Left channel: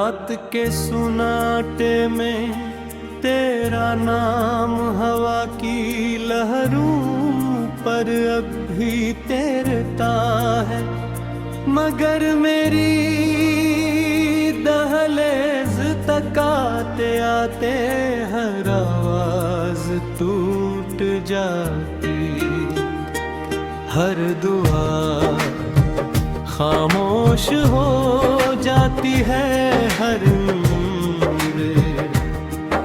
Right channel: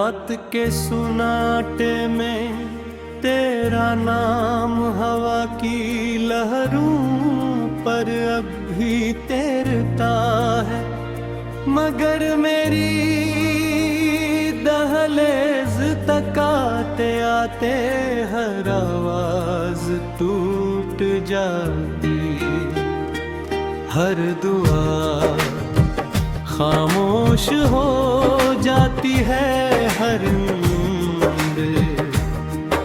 रात के सुनाटे में तेरा नाम हवा की लहरों पर अब भी तैरता है, मगर मेरी दहलीज तक आते आते हर आवाज टूट जाती, हर दुआ खामोश हो जाती है, हर नींद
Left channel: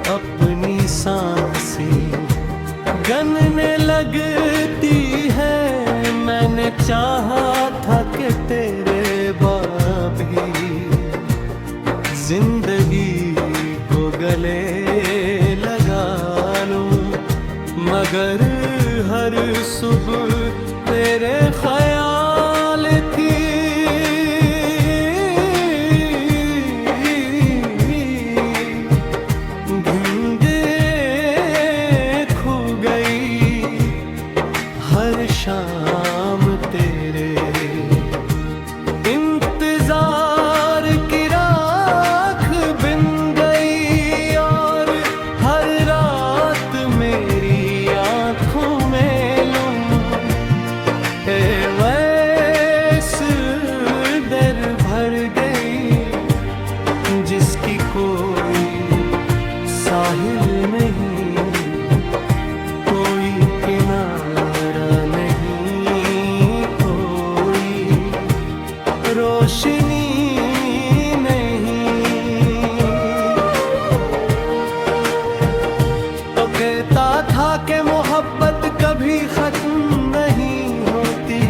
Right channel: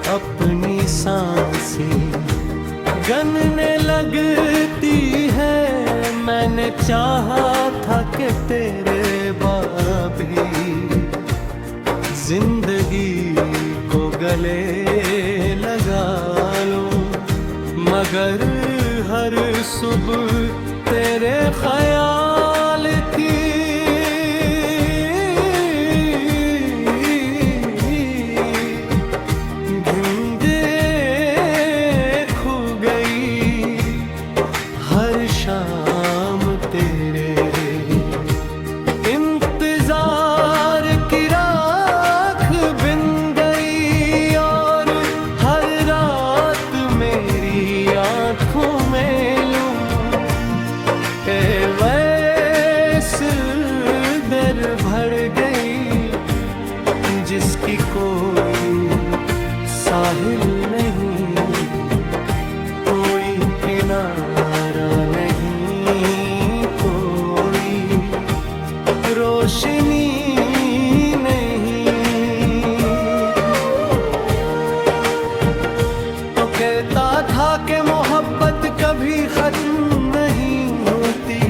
अपनी सांसें गनने लगती है। मैंने चाहा था कि तेरे बाबी जिंदगी को गले लगा लूं, मगर हर सुबह तेरे ख्याल की शाम तेरे इंतजार की राख बिन गई, और हर रात मेरी आंखों में लूं ए वैस दर भर गई जिसकी कोई साहिल नहीं, कोई किनारा नहीं, कोई रोशनी नहीं। तो कहता था कि मोहब्बत कभी खत्म नहीं होती,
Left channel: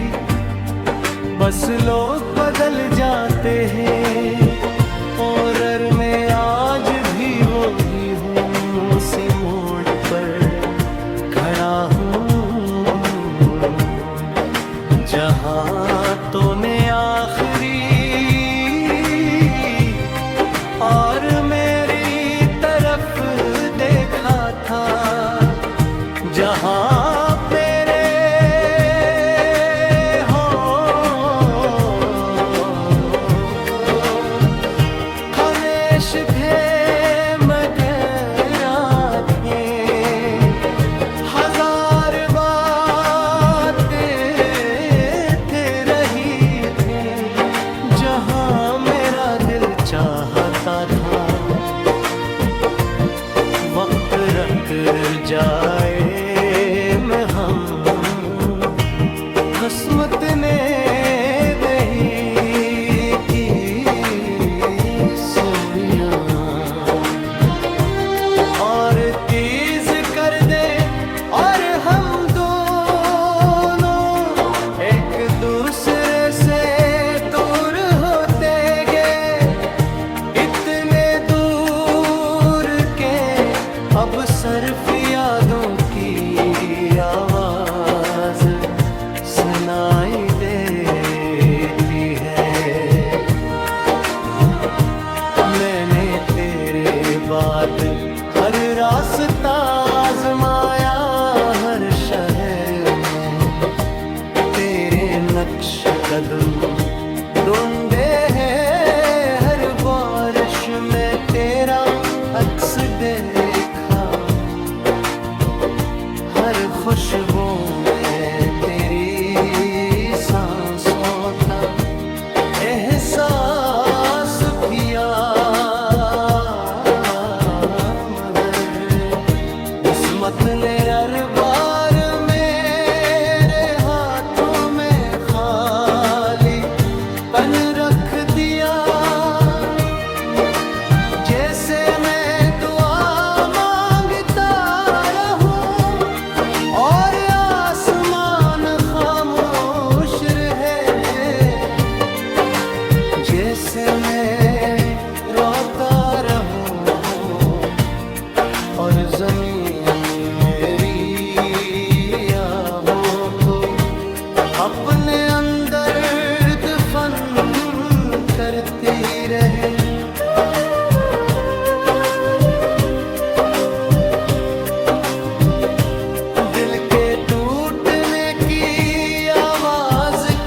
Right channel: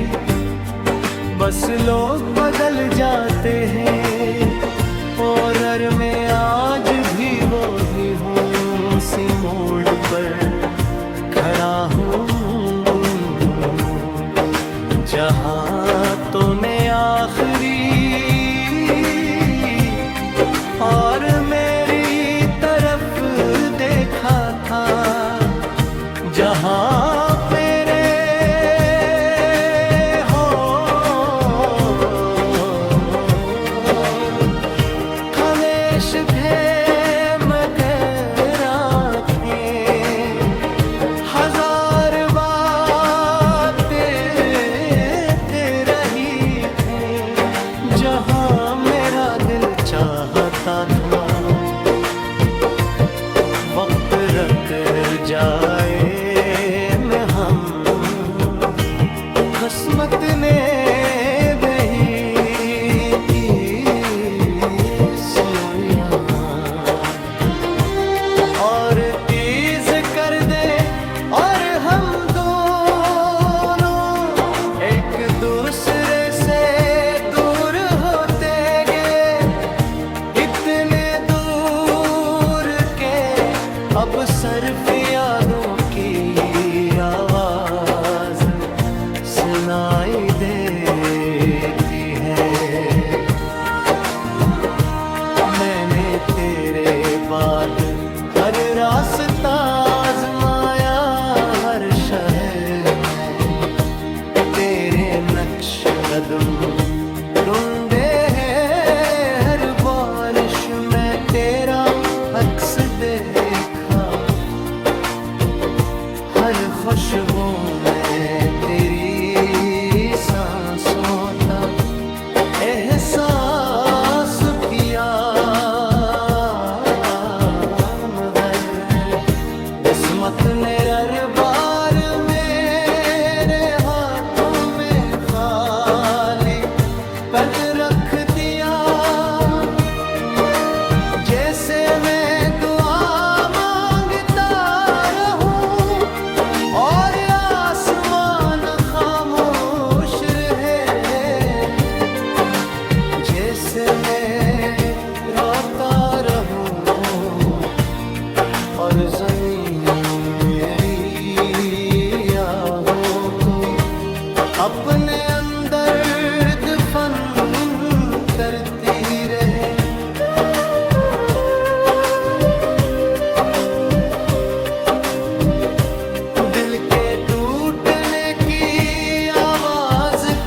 बस लोग बदल जाते हैं, और मैं आज भी वो ही हूँ, उसी मोड़ पर खड़ा हूँ जहाँ तूने आखिरी और मेरी तरफ देखा था, जहाँ मेरे हो हमेश भे मगर आँखें हजार जहाँ मेरा दिल चाहता था। वक्त रख जाए में हम किस्मत ने नहीं की सोया, और तेज कर दे और हम दोनों एक दूसरे से अब सिर्फ यादों की आवाज सुनाई देती है। मैंने तेरे बाद हर रास्ता आजमाया, हर शहर में तेरे नक्श कदम ढूंढे हैं, हर बारिश में तेरा अक्स देखा, हर खुशबू में तेरी सांसों का एहसास किया, मगर किस्मत ने हर बार मेरे हाथों में खाली पन रख दिया, जैसे मैं दुआ मांगता रहूं और आसमान खामोश रहे, जैसे मैं रोता रहूं और ज़मीन मेरी आहों को अपने अंदर दफन करती रहे।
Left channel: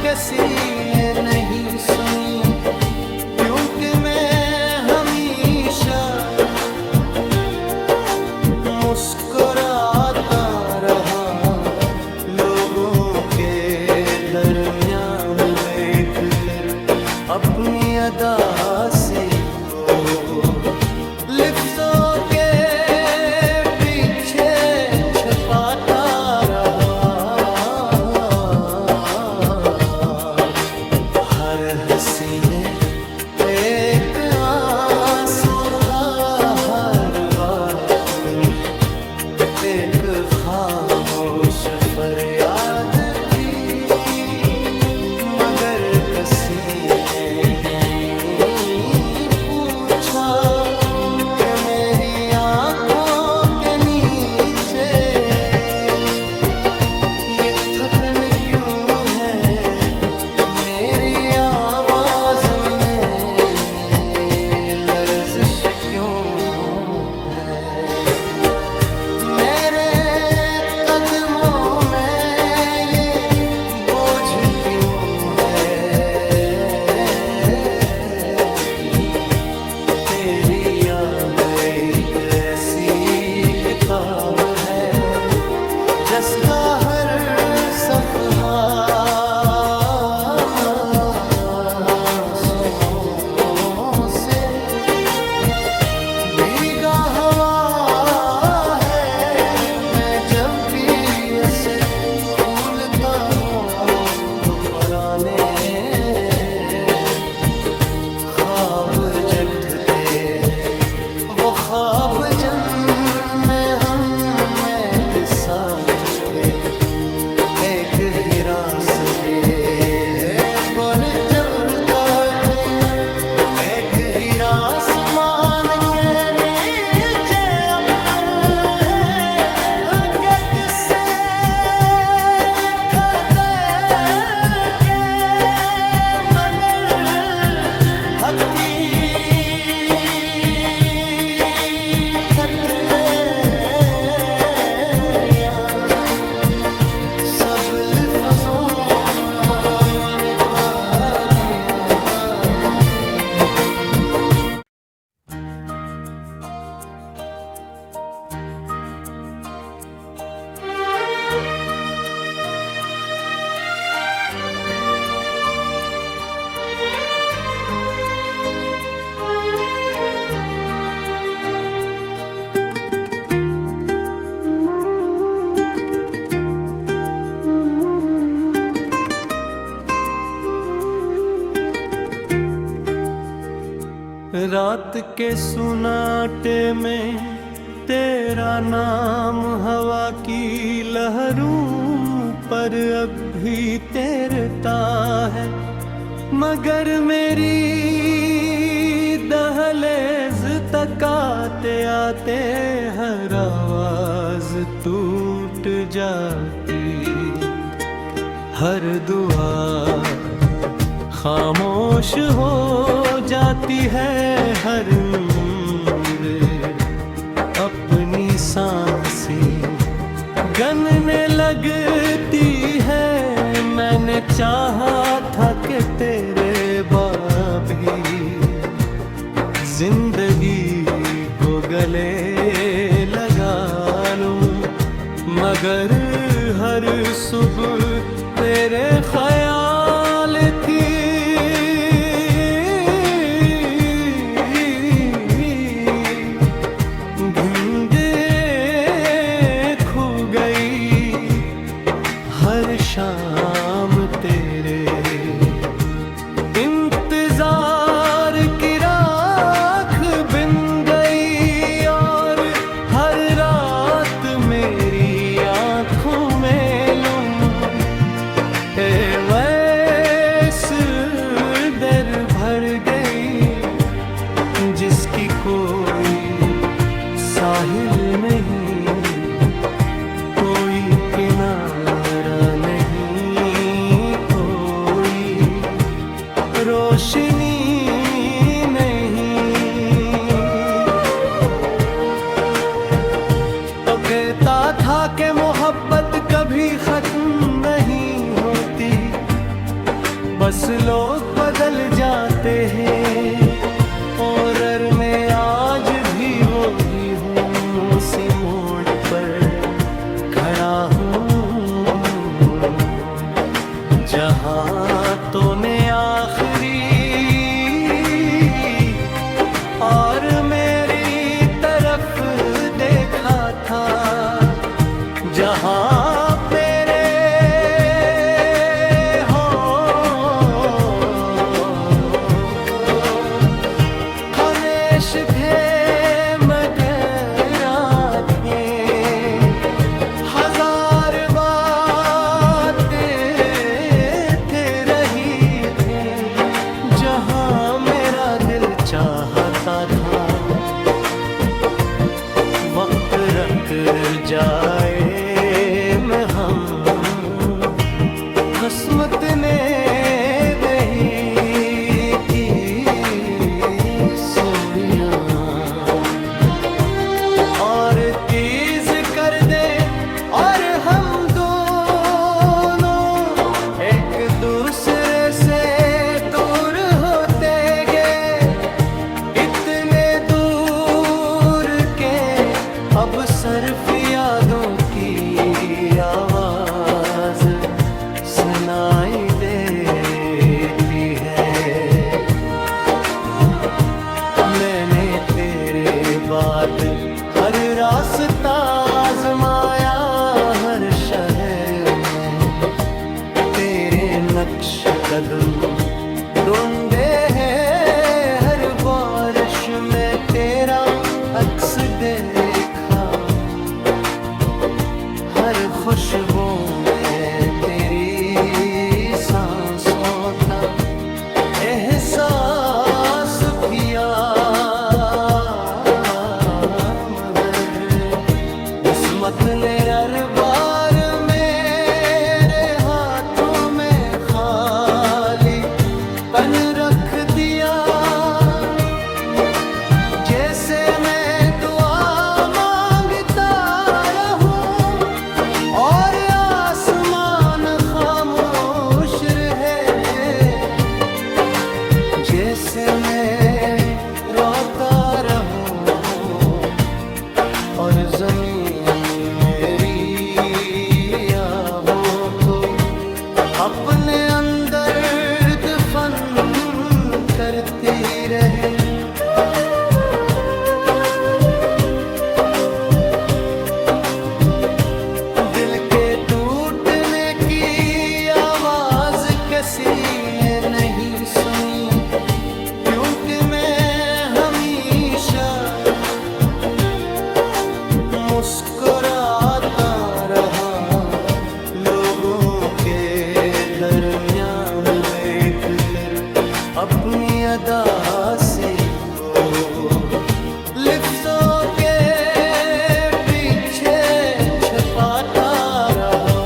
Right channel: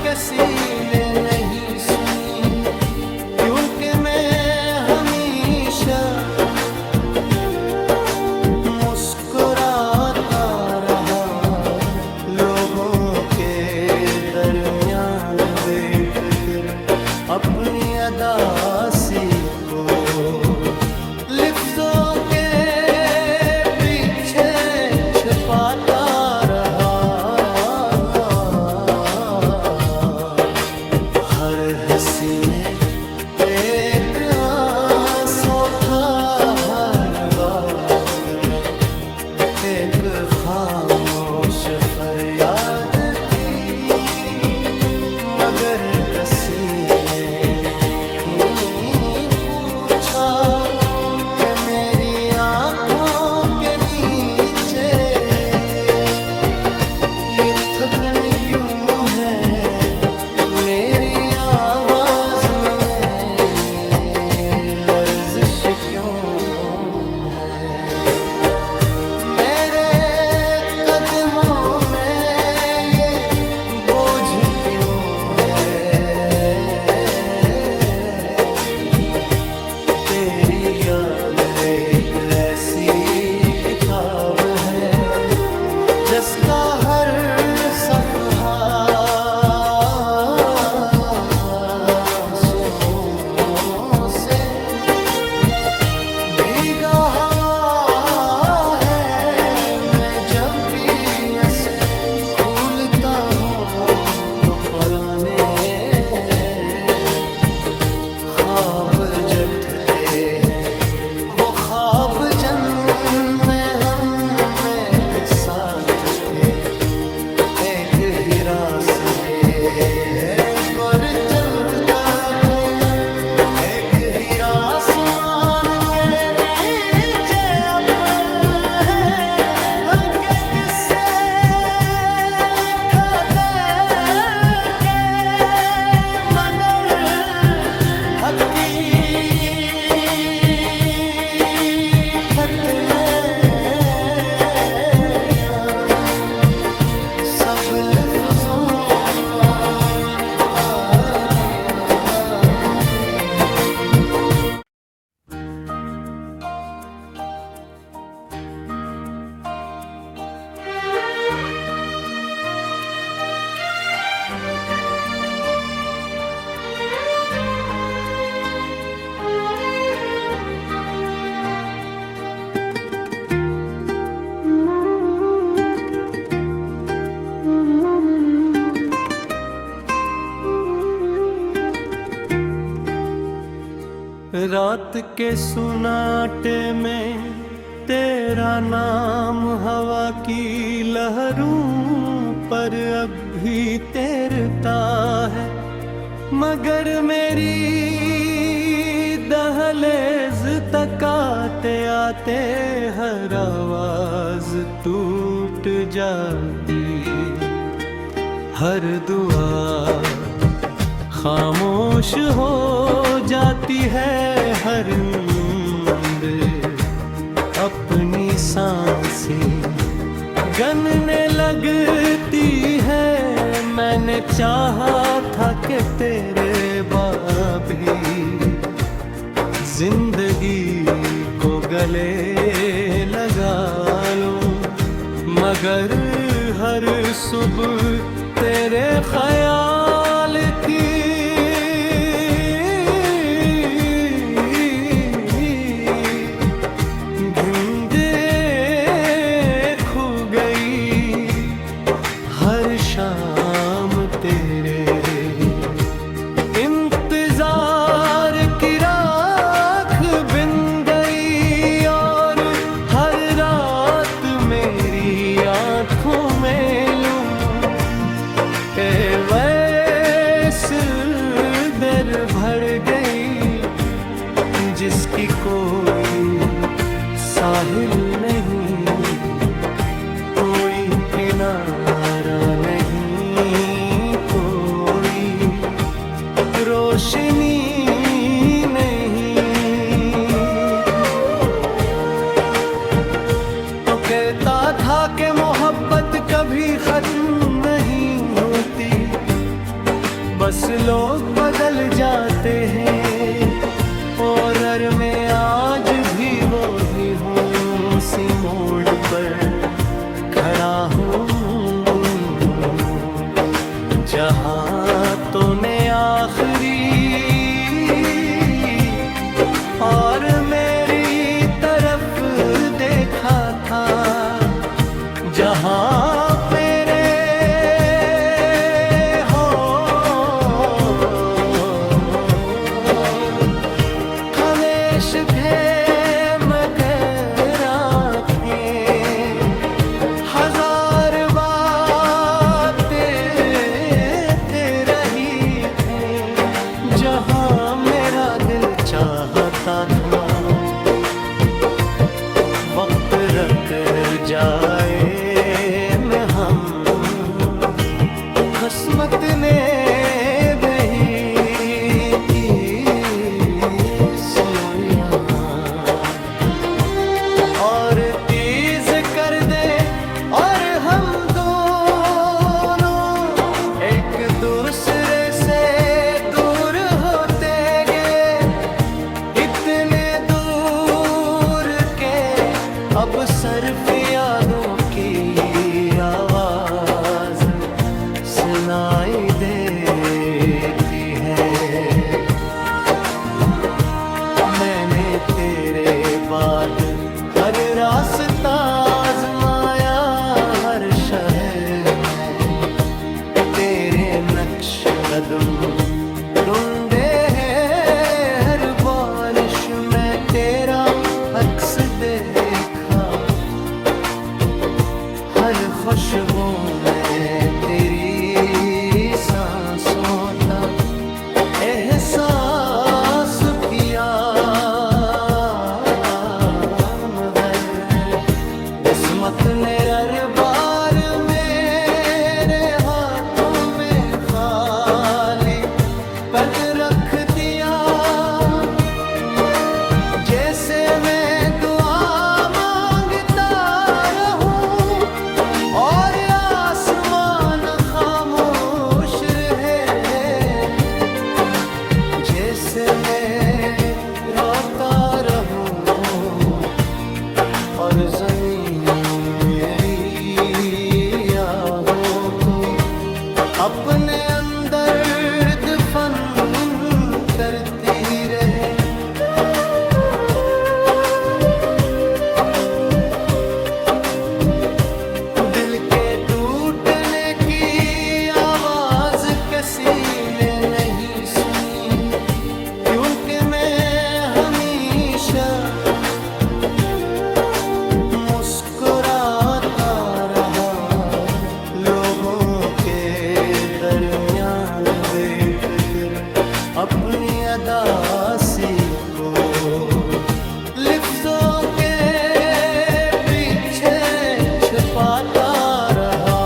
किसी ने नहीं सुनी, क्योंकि मैं हमें अपनी अदासी को लिफ्टों के पीछे छुपाता रहा। हर हंसी में एक आंसू था, हर बात में एक खामोश फरियाद थी, मगर किसी ने नहीं पूछा कि मेरी आंखों के नीचे ये थकन क्यों है, मेरी आवाज में लर्जिश क्यों है, मेरे कदमों में ये बोझ क्यों है। तेरी याद एक ऐसी किताब है जिसका हर सफ़हा आंसुओं से भीगा हुआ है। मैं जब भी इसे भूलता हूँ तो पुराने ख्वाब जठते हैं, वो ख्वाब जिनमें हम एक साथ थे। एक ही रास्ते है गुर चलता है, एक ही आसमान के नीचे अपन है, किससे लिखा दे के मगर हकीकत में सब लिफ्ज़ों को मिटा दिया। रात के सुनाटे में तेरा नाम हवा की लहरों पर अब भी तैरता है, मगर मेरी दहलीज तक आते आते हर आवाज टूट जाती, हर दुआ खामोश हो जाती है, हर नींद अपनी सांसें गनने लगती है। मैंने चाहा था कि तेरे बाबी जिंदगी को गले लगा लूं, मगर हर सुबह तेरे ख्याल की गूंगे खो गई, हर शाम तेरे इंतजार की राख बिन गई, और हर रात मेरी आंखों में लूं वैस दर भर गई जिसकी कोई साहिल नहीं, कोई किनारा नहीं, कोई रोशनी नहीं। तो कहता था कि मोहब्बत कभी खत्म नहीं होती, बस लोग बदल जाते हैं, और मैं आज भी वो ही हूँ, उसी मोड़ पर खड़ा हूँ जहाँ तूने आखिरी और मेरी तरफ देखा था जहां मेरे हो खामोश थे मगर आंखें हजार बातें रही थी जहां मेरा दिल चाहता था वक्त रख जाए में हम किस्मत ने दही की सुइयां और तीज कर दे और हम दोनों एक दूसरे से दूर होते गए इतने दूर के अब सिर्फ यादों की आवाज सुनाई देती है। मैंने तेरे बाद हर रास्ता आजमाया हर शहर में तेरे नक्श कदम ढूंढे हैं हर बारिश में तेरा अक्स देखा हर खुशबू में तेरी सांसों का एहसास किया मगर किस्मत ने हर बार मेरे हाथों में खाली पन रख दिया जैसे मैं दुआ मांगता रहूं और आसमान खामोश रहे जैसे मैं रोता रहूं और जमीन मेरी आहों को अपने अंदर दफन करती रहे। दिल के टूटने की आवाज किसी ने नहीं सुनी क्योंकि मैं हमेशा मुस्कुराता रहा लोगों के दरमियान देख कर अपनी अदासी को लिफ्टों के पीछे छुपाता रहा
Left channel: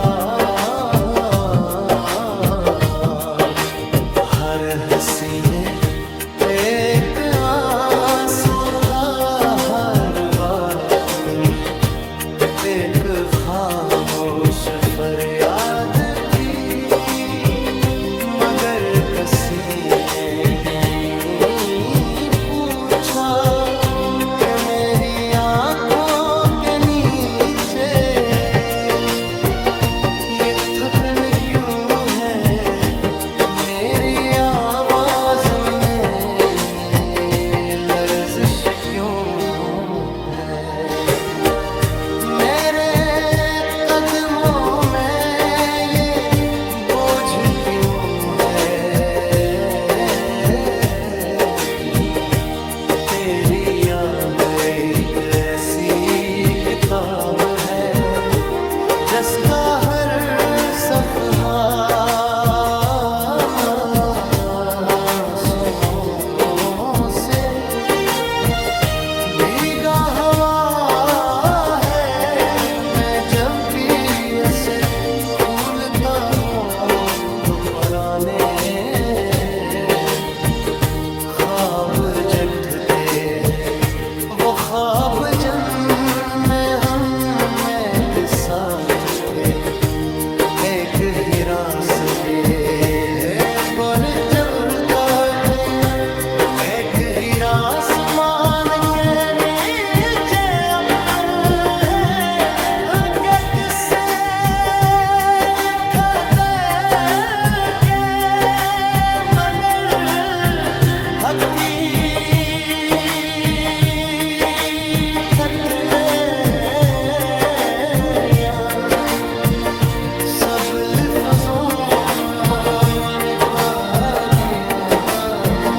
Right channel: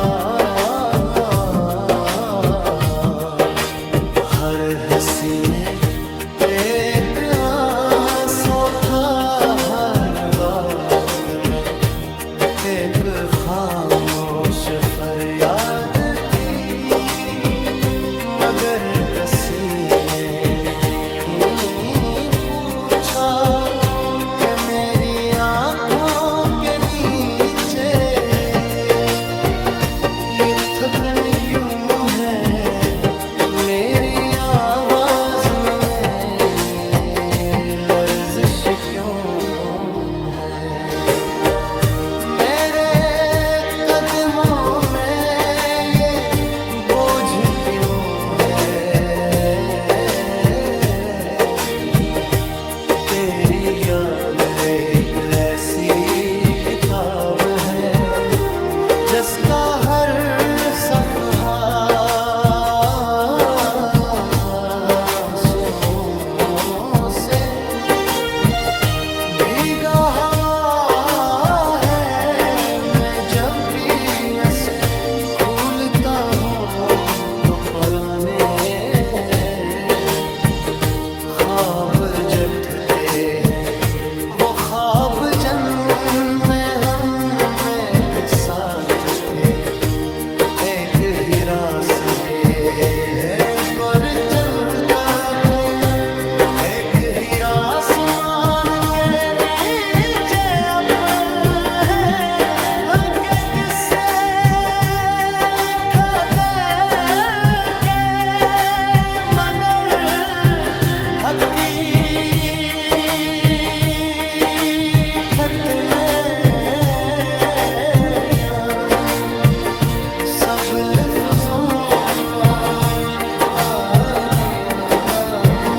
हर हंसी में एक आंसू था हर बात में एक खामोश फरियाद थी मगर किसी ने नहीं पूछा कि मेरी आंखों के नीचे ये थकन क्यों है मेरी आवाज में लर्जिश क्यों है मेरे कदमों में ये बोझ क्यों है तेरी याद एक ऐसी किताब है जिसका हर सफ़हा आंसुओं से भीगा हवा है मैं जब भी ऐसे भूलता हूँ तो पुराने ख्वाब जगते हैं वो ख्वाब जिनमें हम एक साथ थे एक ही रास्ते है पर चलता है एक ही आसमान के नीचे अपने गट से लिखा दे के मगर हकीकत रोज़ों पाने का दिया वाले।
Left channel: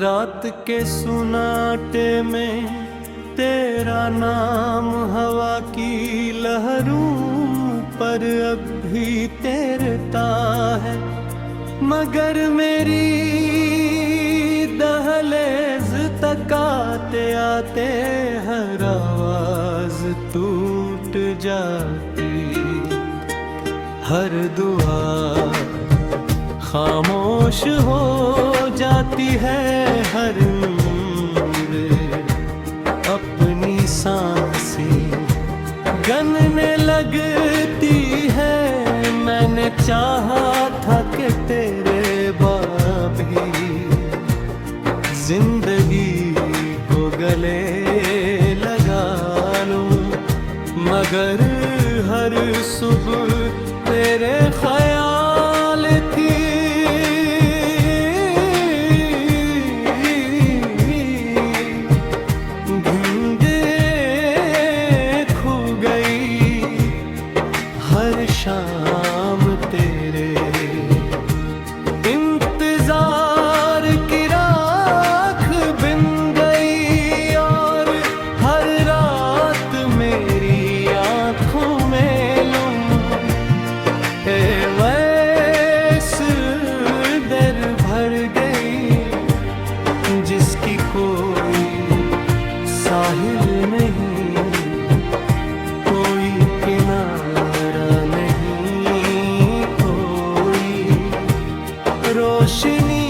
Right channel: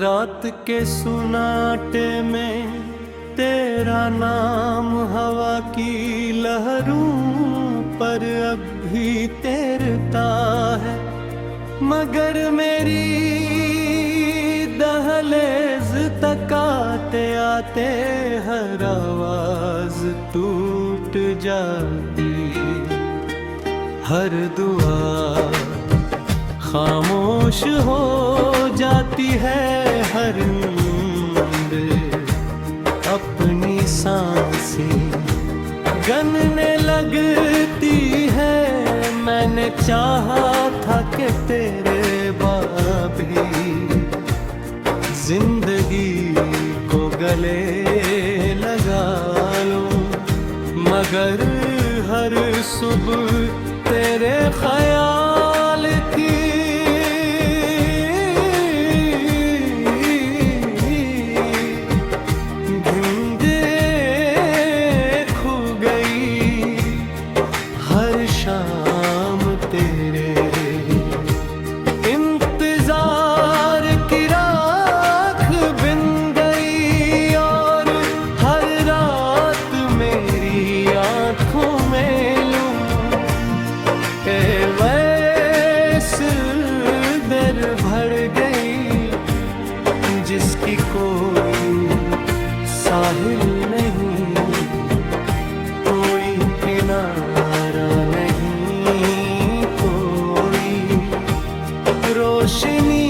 रात के सुनाटे में तेरा नाम हवा की लहरों पर अब भी तैरता है, मगर मेरी दहलीज तक आते आते हर आवाज टूट जाती, हर दुआ खामोश हो जाती है, हर नींद अपनी सांसें गनने लगती है। मैंने चाहा था कि तेरे बाबी जिंदगी को गले लगा लूं, मगर हर सुबह तेरे ख्याल की शाम तेरे इंतजार की राख बिन गई, और हर रात मेरी आंखों में लूं वैस दर भर गई जिसकी कोई साहिल नहीं, कोई किनारा नहीं, कोई रोशनी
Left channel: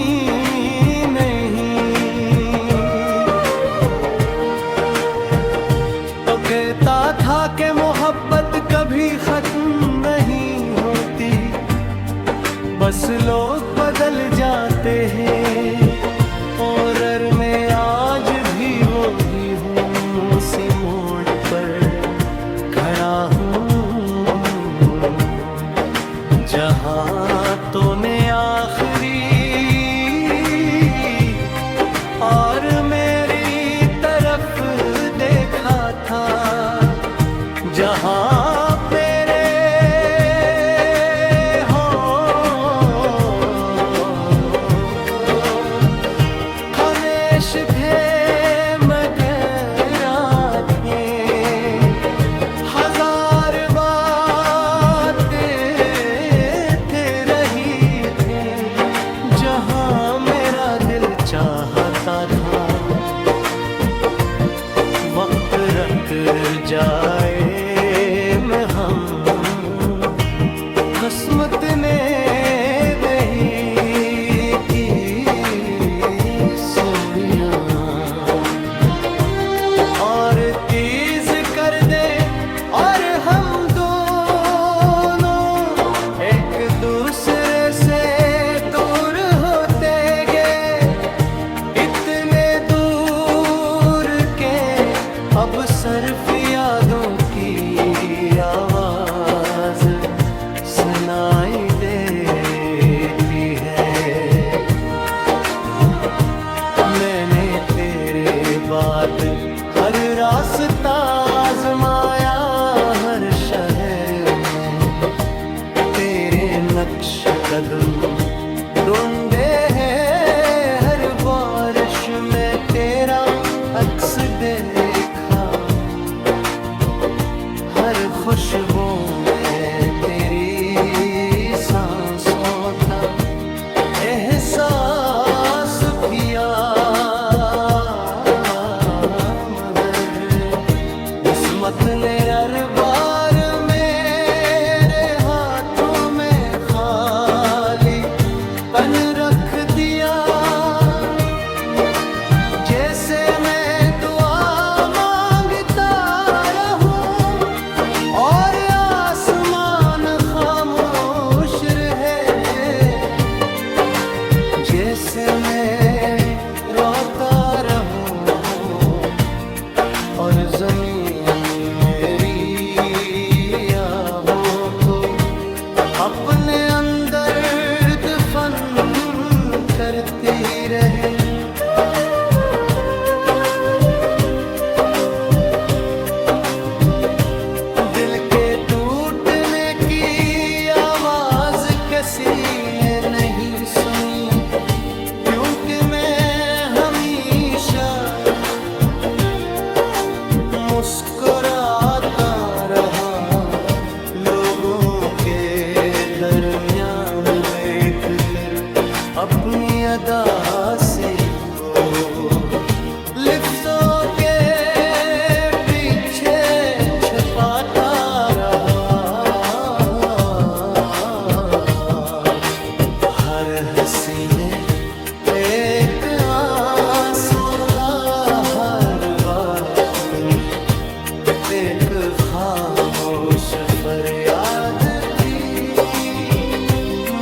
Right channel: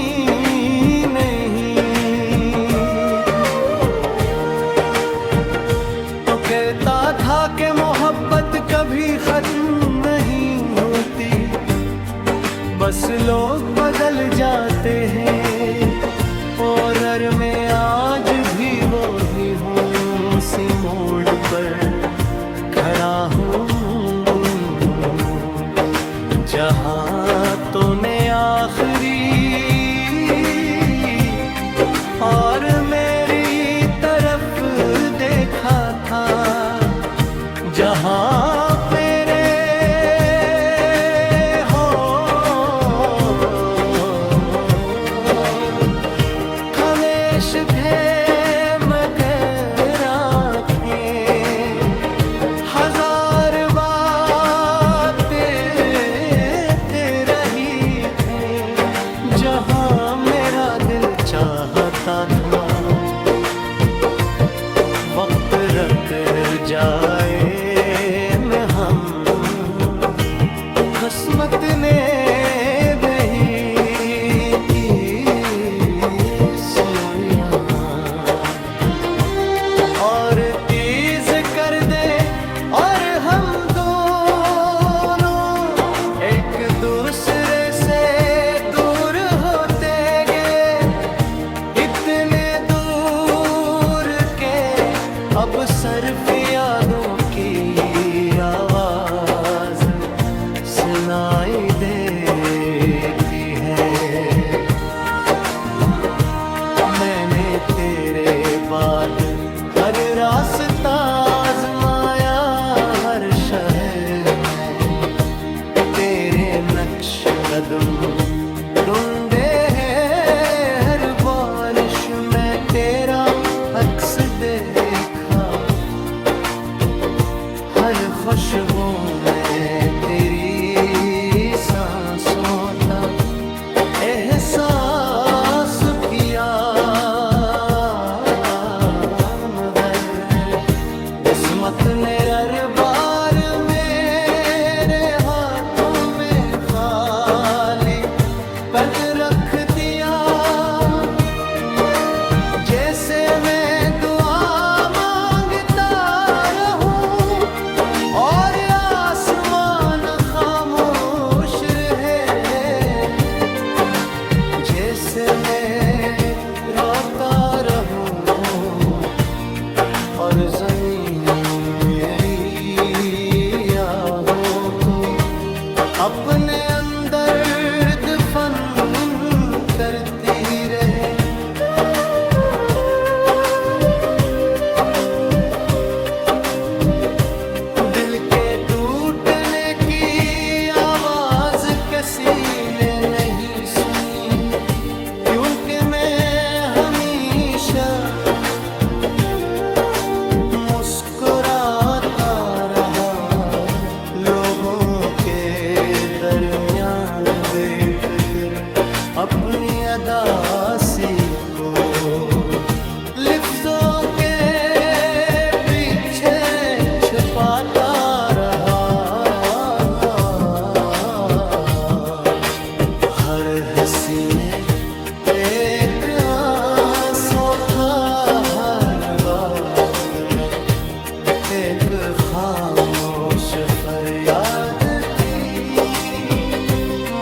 नहीं। तो कहता था कि मोहब्बत कभी खत्म नहीं होती, बस लोग बदल जाते हैं, और मैं आज भी वो ही हूँ, उसी मोड़ पर खड़ा हूँ जहाँ तूने आखिरी और मेरी तरफ देखा था, जहाँ मेरे हो हमेश थे मगर आँखें हजार बातें थे रही थे, जहाँ मेरा दिल चाहता था वक्त रख जाए में हम, किस्मत ने नहीं की सोया और तेज कर दे, और हम दोनों एक दूसरे से दूर होते गए, इतने दूर के अब सिर्फ यादों की आवाज सुनाई देती है। मैंने तेरे बाद हर रास्ता आजमाया, हर शहर में तेरे नक्श कदम ढूंढे हैं, हर बारिश में तेरा अक्स देखा, हर खुशबू में तेरी सांसों तक एहसास किया, मगर किस्मत ने हर बार मेरे हाथों में खाली पन रख दिया, जैसे मैं दुआ मांगता रहूं और आसमान खामोश कैसे मैं रोता रहूं और जमीन मेरी आहों को अपने अंदर दफन करती रहे। दिल के टूटने की आवाज किसी ने नहीं सुनी, क्योंकि मैं हमेशा मुस्कुराता रहा लोगों के दरमियान देख कर अपनी अदासी को। लिफ्ज़ों के पीछे छुपाता रहा, हर हंसी में एक आंसू था, हर बात में एक खामोश फरियाद थी,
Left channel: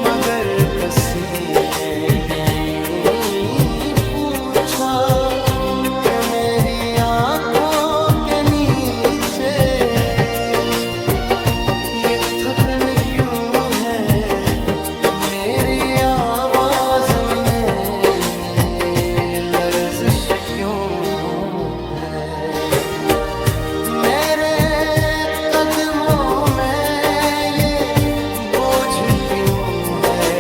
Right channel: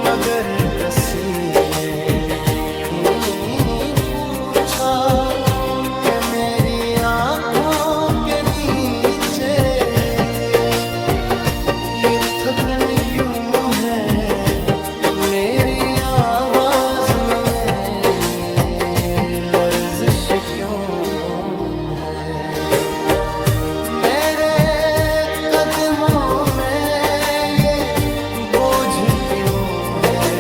मगर किसी ने नहीं पूछा कि मेरी आंखों के नीचे ये थकन क्यों है, मेरी आवाज में लर्जिश क्यों है, मेरे कदमों में ये बोझ क्यों है।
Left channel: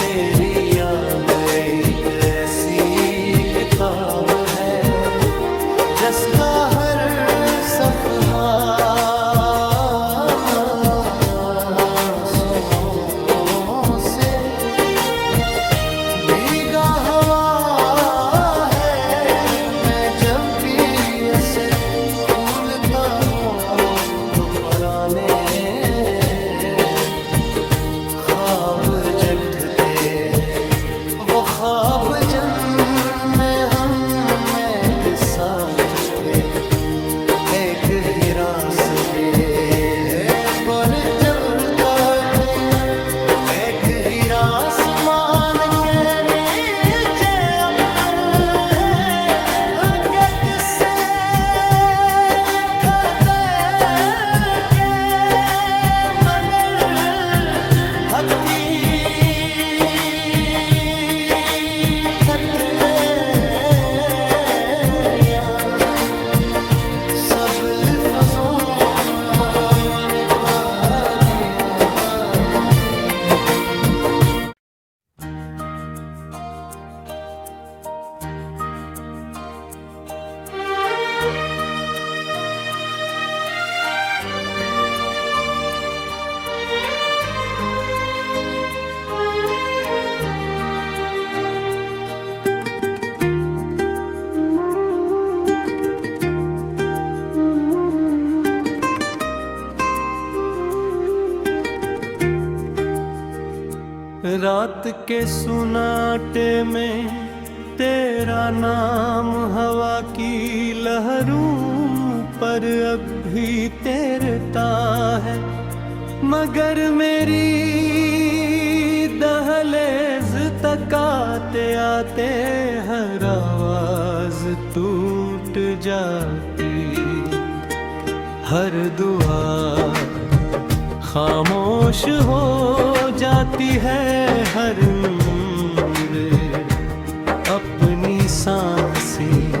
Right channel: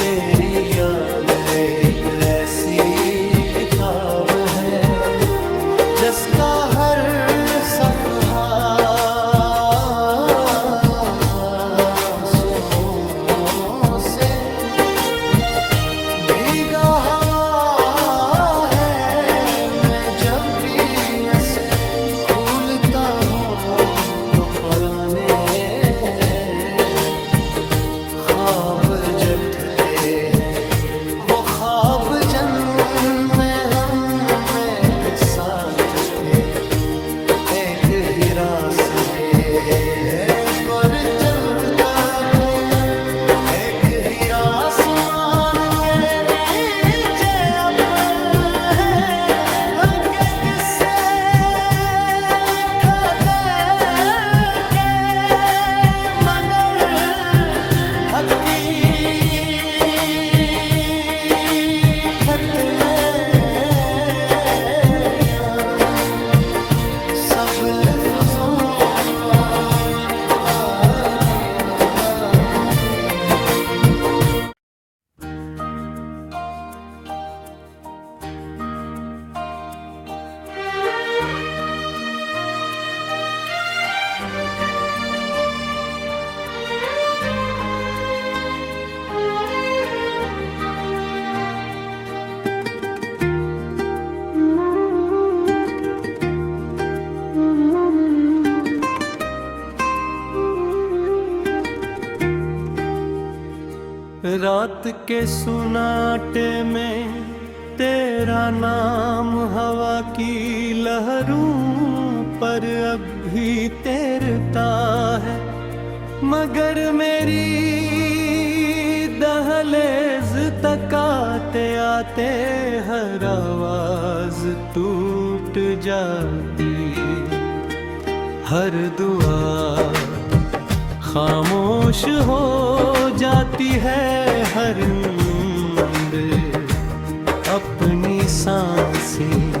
तेरी याद एक ऐसी किताब है जिसका हर सफ़हा आँसुओं से भीगा हवा है। मैं जब भी इसे भूलता हूँ तो पुराने ख्वाब जठते हैं, वो ख्वाब जिनमें हम एक साथ थे, एक ही रास्ते है गुर चलता है, एक ही आसमान के नीचे अपने के किस्से लिखा दे के, मगर हकीकत ने सब लिफ्ज़ों को मिटा दिया। रात के सुनाटे में तेरा नाम हवा की लहरों पर अब भी तैरता है, मगर मेरी दहलीज तक आते आते हर आवाज टूट जाती, हर दुआ खामोश हो जाती है, हर नींद अपनी सांसें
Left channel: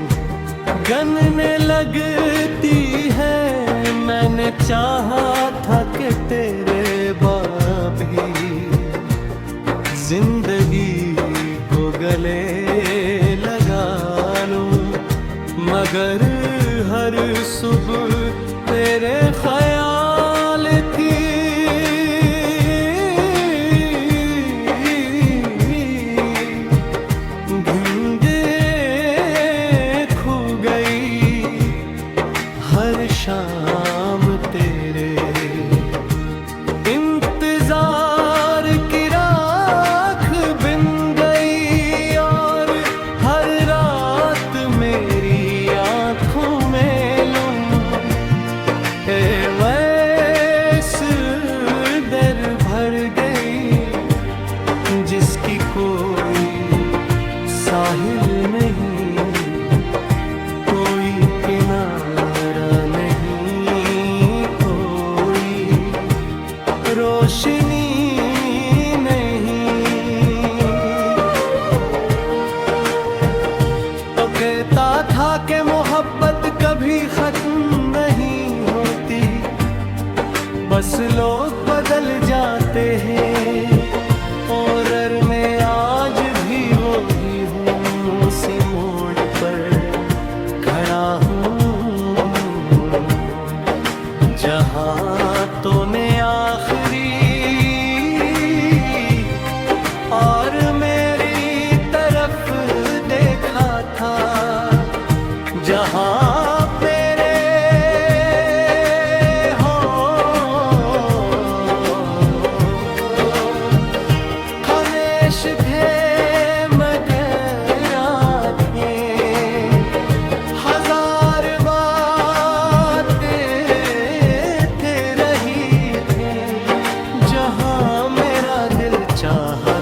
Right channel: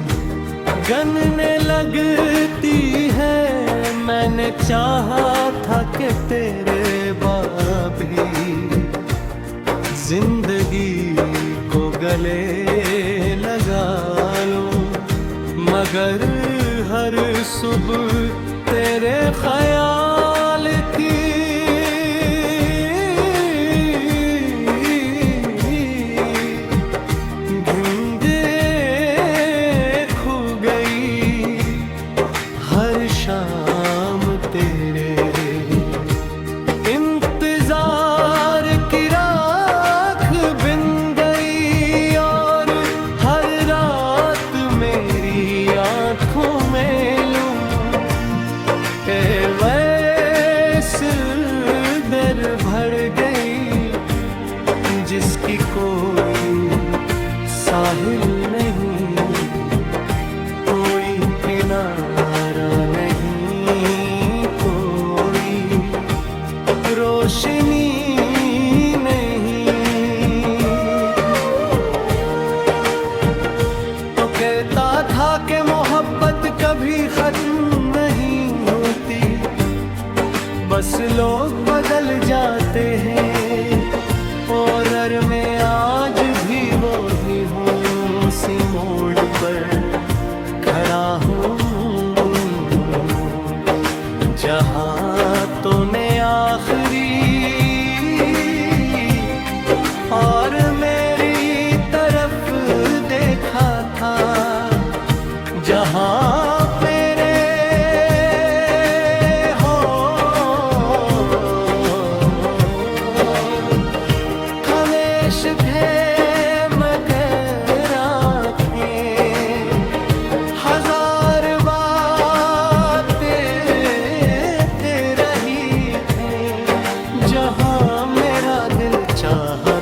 गनने लगती है। मैंने चाहा था कि तेरे बाबी जिंदगी को गले लगा लूं, मगर हर सुबह तेरे ख्याल की शाम तेरे इंतजार की राख बिन गई, और हर रात मेरी आंखों में लूं ए वैस साहिल नहीं, कोई किनारा नहीं, कोई रोशनी नहीं। तो कहता था कि मोहब्बत कभी खत्म नहीं होती, बस लोग बदल जाते हैं। और मैं आज भी वो ही हूँ, उसी मोड़ पर खड़ा हूँ जहाँ तूने आखिरी और मेरी तरफ देखा था, जहाँ मेरे हो हमेश थे मगर आँखें, हजार बातें थे रही थे, जहाँ मेरा दिल चाहा।